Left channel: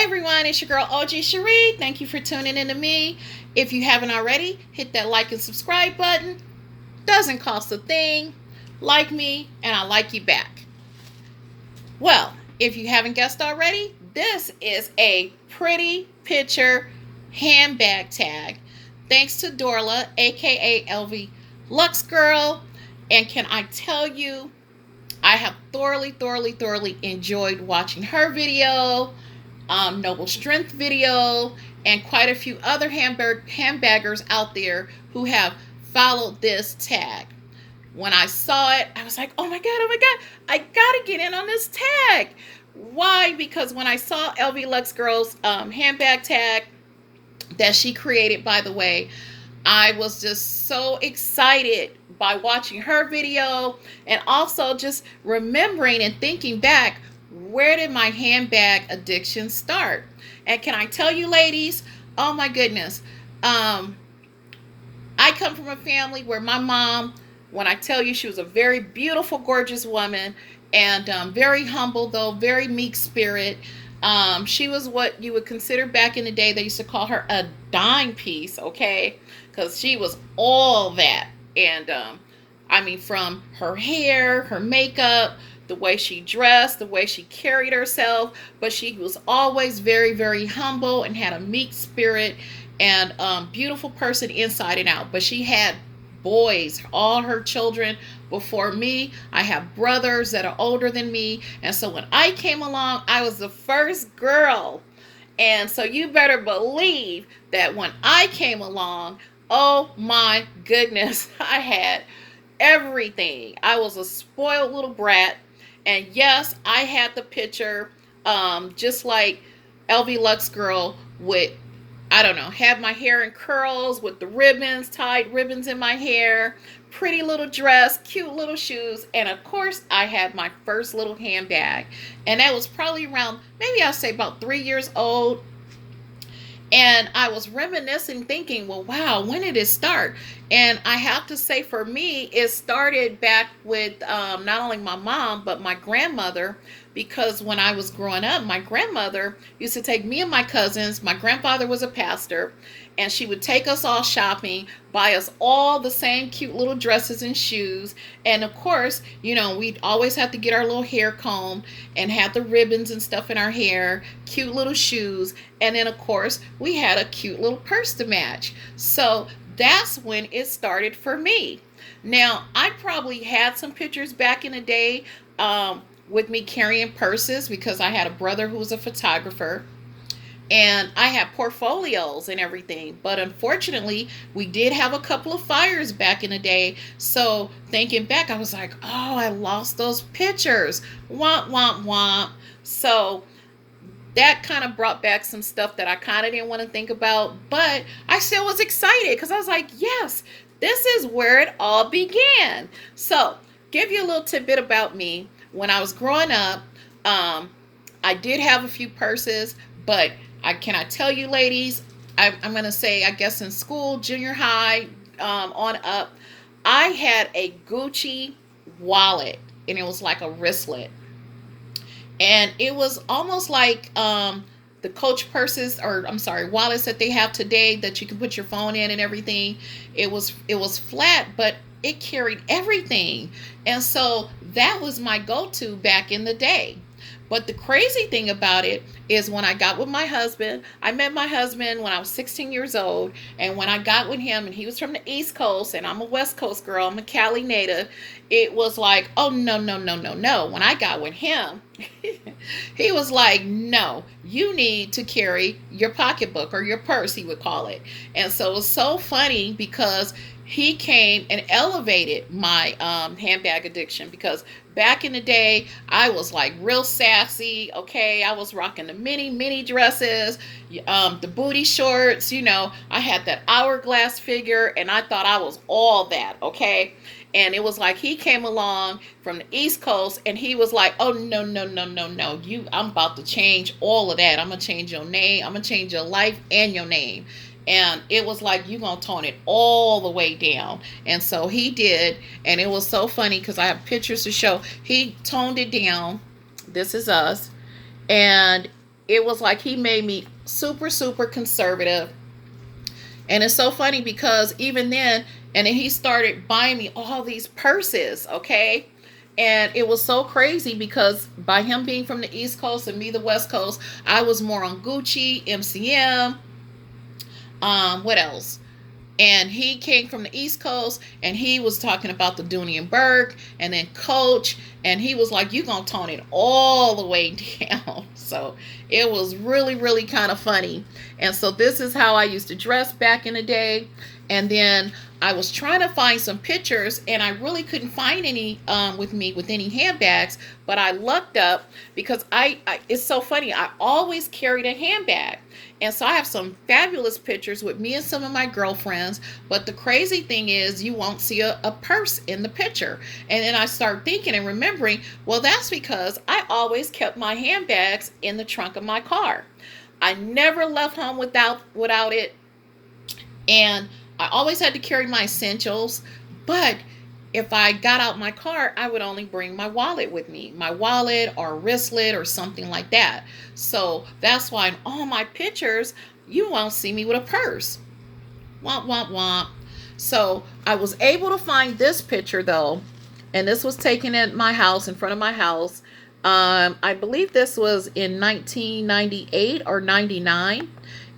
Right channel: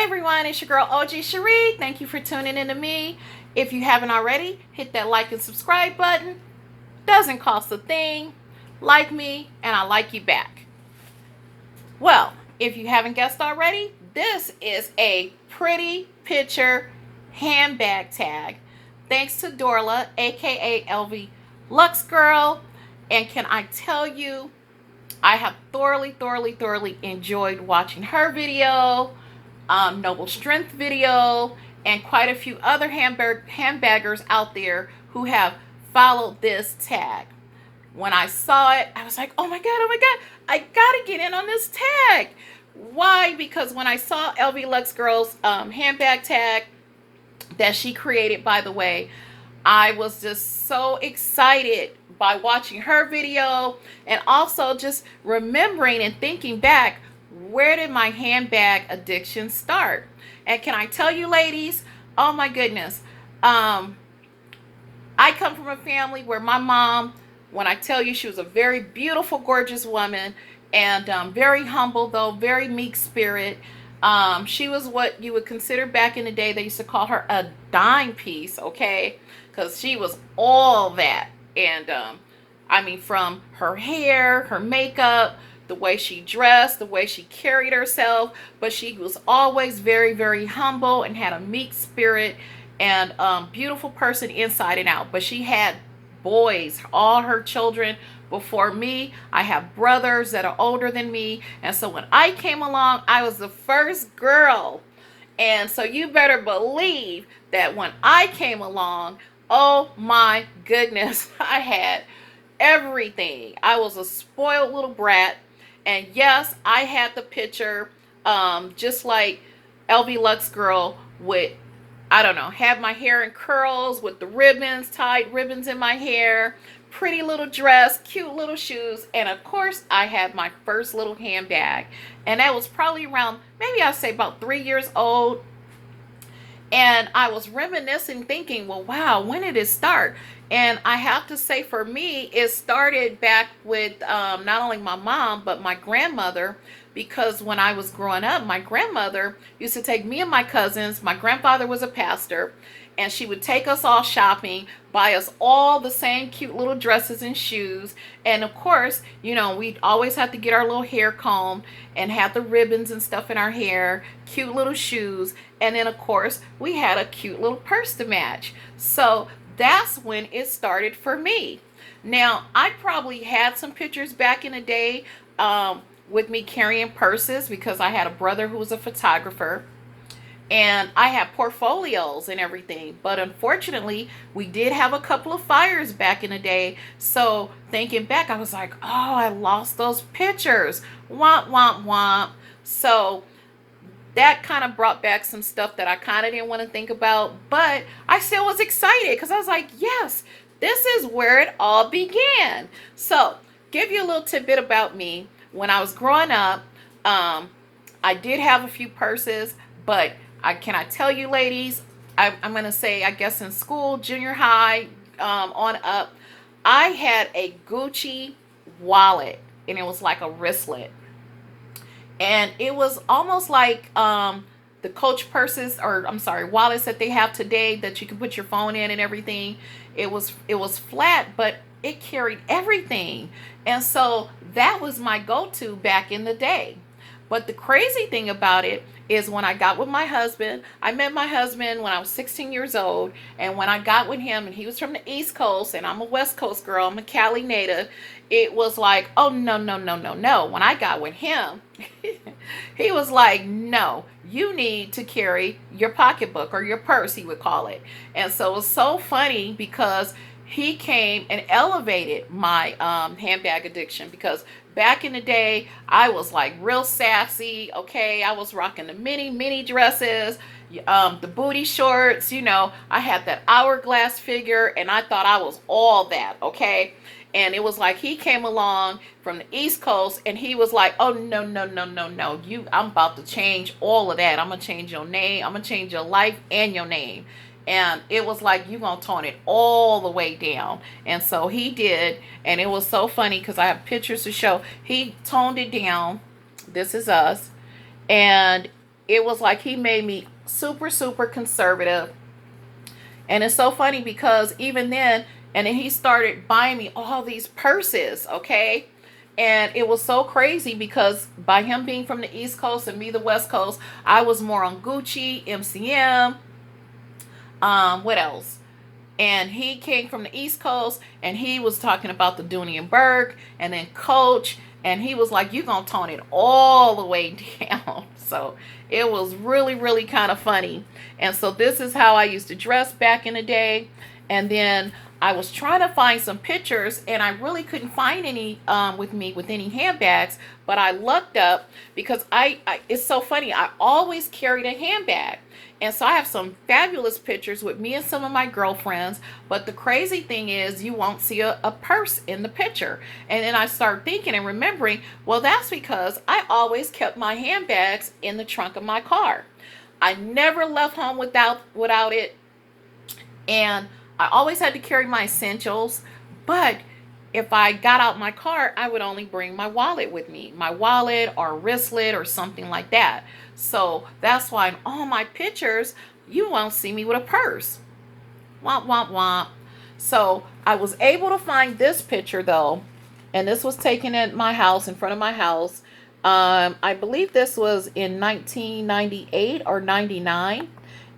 Hey everyone, it's your girl OG Cherie. Thank you for tuning in to me. If you haven't already, hit that like and subscribe button. Doesn't cost a thing. Like me, and I like you back. Well, if you haven't guessed already, this is a pretty picture handbag tag. Thanks to Dorla, aka LV Lux Girl. And can I tell you, I have thoroughly enjoyed watching her video, Noble Strength video, and quite a few other handbaggers out there who have followed this tag. When I saw it, I was like, oh my God, I gotta get in on this tag. Why? Because when I saw LV Lux Girl's handbag tag that she created, by the way, I was just so excited by watching her video and also just remembering and thinking back, where did my handbag addiction start? And can I tell you, ladies, oh my goodness, I come from a family where my mom, when I tell you, she was a very beautiful, gorgeous woman, and very humble, though very meek spirit. She was what you would consider back in the day, they used to call her a dime piece, okay? Because she was all that. And I mean, from her hair, her makeup, the way she dressed, the way she carried herself, but she was always very humble and had a meek spirit and beautiful person inside and out. But she had boys, all her children before me. I have brothers that are older than me. And so when I came along, I was the first girl. And so you better believe that when I came along, oh my goodness, I had everything. I was a spoiled little brat. And yes, I had the picture, just like LV Lux Girl with, I don't know, had my hair in curls with the ribbons, tied ribbons in my hair, pretty little dress, cute little shoes, and of course I had my first little handbag. And that was probably around, maybe I'd say about 3 years old. And I was reminiscing, thinking, well, wow, when did it start? And I have to say, for me, it started back with not only my mom, but my grandmother. Because when I was growing up, my grandmother used to take me and my cousins. My grandfather was a pastor, and she would take us all shopping, buy us all the same cute little dresses and shoes. And of course, you know, we'd always have to get our little hair combed and have the ribbons and stuff in our hair, cute little shoes. And then, of course, we had a cute little purse to match. So that's when it started for me. Now, I probably had some pictures back in the day with me carrying purses because I had a brother who was a photographer. And I had portfolios and everything. But unfortunately, we did have a couple of fires back in the day. So thinking back, I was like, oh, I lost those pictures. Womp. So that kind of brought back some stuff that I kind of didn't want to think about. But I still was excited because I was like, yes, this is where it all began. So give you a little tidbit about me. When I was growing up, I did have a few purses, but can I tell you, ladies, I'm going to say, I guess in school, junior high, on up, I had a Gucci wallet, and it was like a wristlet. And it was almost like the Coach purses, or I'm sorry, wallets that they have today that you can put your phone in and everything. It was flat, but it carried everything. And so that was my go-to back in the day. But the crazy thing about it is when I got with my husband, I met my husband when I was 16 years old. And when I got with him, and he was from the East Coast, and I'm a West Coast girl, I'm a Cali native, it was like, oh, no. When I got with him, he was like, no, you need to carry your pocketbook or your purse, he would call it. And so it was so funny because he came and elevated my handbag addiction, because back in the day, I was like real sassy, okay? I was rocking the mini dresses, the booty shorts, you know. I had that hourglass figure, and I thought I was all that, okay? And it was like he came along from the East Coast, and he was like, oh, no. I'm about to change all of that. I'm going to change your name. I'm going to change your life and your name. And it was like, you gonna tone it all the way down. And so he did. And it was so funny because I have pictures to show. He toned it down. This is us. And it was like he made me super, super conservative. And it's so funny because even then, and then he started buying me all these purses, okay? And it was so crazy because by him being from the East Coast and me the West Coast, I was more on Gucci, MCM, what else? And he came from the East Coast and he was talking about the Dooney and Burke and then Coach, and he was like, you gonna tone it all the way down. So it was really, really kind of funny. And so this is how I used to dress back in the day. And then I was trying to find some pictures and I really couldn't find any with me with any handbags, but I lucked up because I it's so funny, I always carried a handbag. And so I have some fabulous pictures with me and some of my girlfriends. But the crazy thing is you won't see a purse in the picture. And then I start thinking and remembering, well, that's because I always kept my handbags in the trunk of my car. I never left home without it. And I always had to carry my essentials. But if I got out my car, I would only bring my wallet with me, my wallet or wristlet or something like that. So that's why in all my pictures, you won't see me with a purse. Womp, womp, womp. So I was able to find this picture though, and this was taken at my house, in front of my house. I believe this was in 1998 or 99.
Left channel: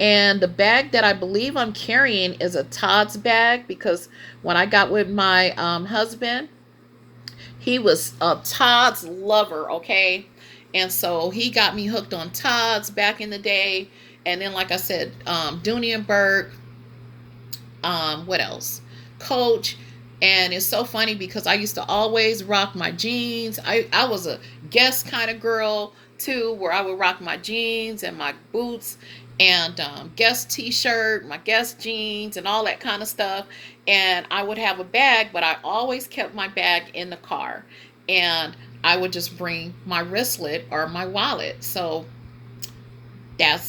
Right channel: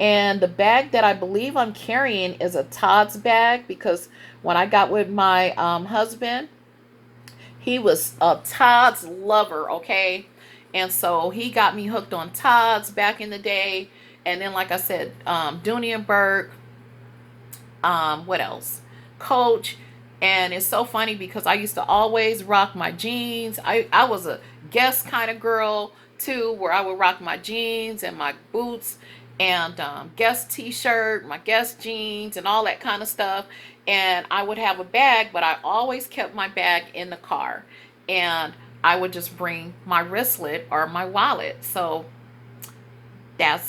And the bag that I believe I'm carrying is a Todd's bag because when I got with my husband, he was a Todd's lover, okay? And so he got me hooked on Todd's back in the day. And then, like I said, Dooney and Burke, what else? Coach. And it's so funny because I used to always rock my jeans. I was a Guess kind of girl too, where I would rock my jeans and my boots and Guess t-shirt, my Guess jeans and all that kind of stuff. And I would have a bag, but I always kept my bag in the car. And I would just bring my wristlet or my wallet. So that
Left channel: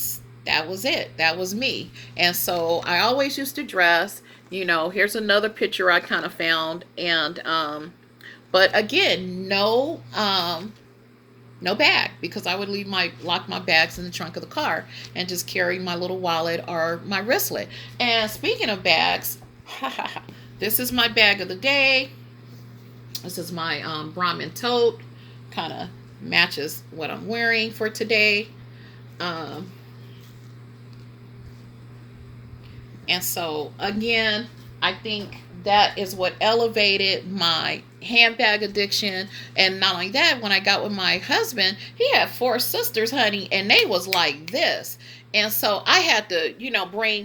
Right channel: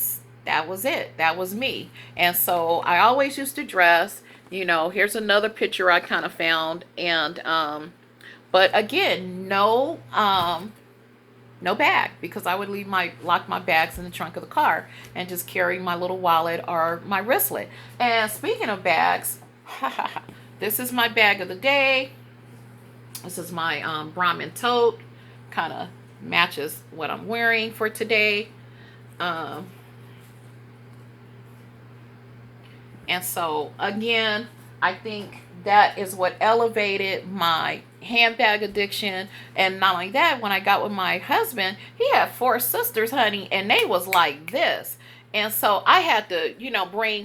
was it. That was me. And so I always used to dress. Here's another picture I kind of found. And but again, no bag because I would lock my bags in the trunk of the car and just carry my little wallet or my wristlet. And speaking of bags, this is my bag of the day. This is my Brahmin tote. Kind of matches what I'm wearing for today. And so again, I think that is what elevated my handbag addiction. And not only that, when I got with my husband, he had 4 sisters, honey, and they was like this. And so I had to,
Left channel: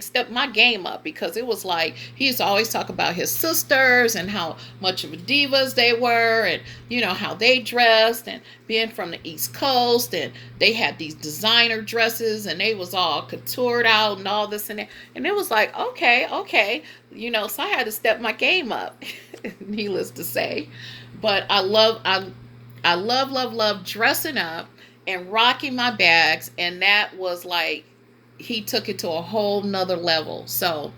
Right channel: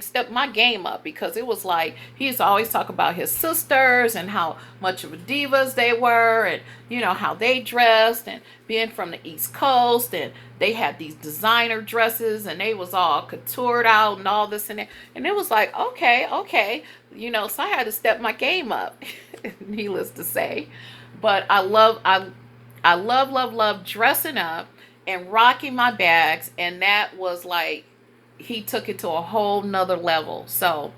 step my game up because it was like he used to always talk about his sisters and how much of a divas they were and, how they dressed and being from the East Coast. And they had these designer dresses and they was all couturied out and all this and that. And it was like, okay. So I had to step my game up, needless to say. But I love dressing up and rocking my bags. And that was like, he took it to a whole nother level. So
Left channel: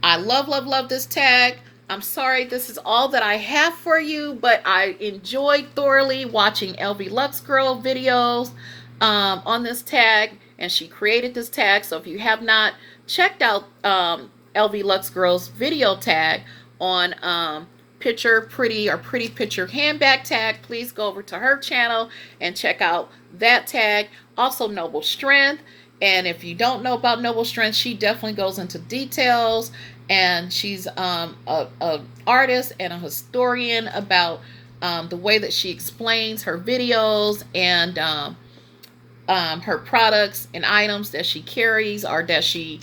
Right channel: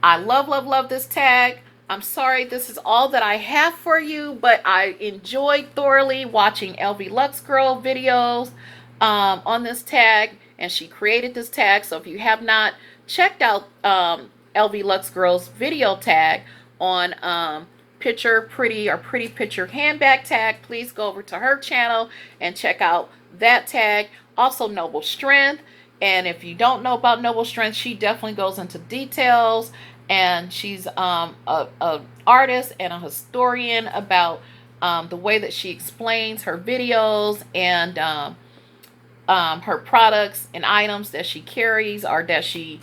I love this tag. I'm sorry this is all that I have for you, but I enjoyed thoroughly watching LV Lux Girl videos on this tag, and she created this tag. So if you have not checked out LV Lux Girl's video tag on Picture Pretty or Pretty Picture Handbag tag, please go over to her channel and check out that tag. Also Noble Strength. And if you don't know about Noble Strength, she definitely goes into details. And she's a artist and a historian about the way that she explains her videos and her products and items that she carries or that she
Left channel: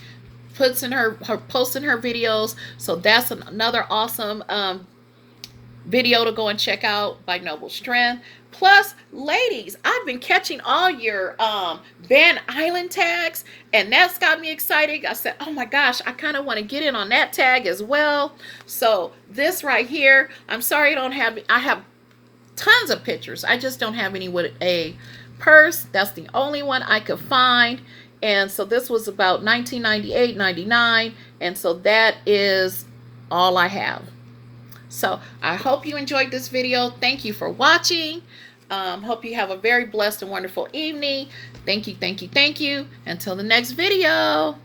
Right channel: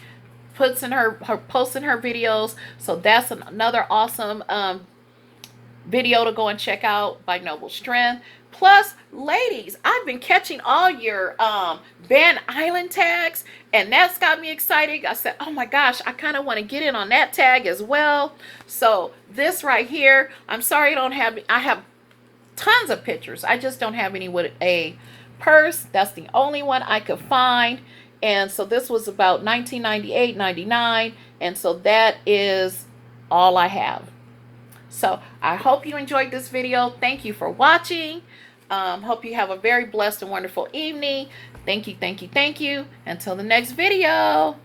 puts in her posts in her videos. So that's another awesome video to go and check out by Noble Strength. Plus, ladies, I've been catching all your Van Island tags, and that's got me excited. I said, oh my gosh, I kind of want to get in on that tag as well. So this right here, I'm sorry I have tons of pictures. I just don't have any with a purse. That's the only one I could find. And so this was about 1998, 99. And so that is all I have. So I hope you enjoyed this video. Thank you for watching. Hope you have a very blessed and wonderful evening. Thank you, thank you, thank you. Until the next video.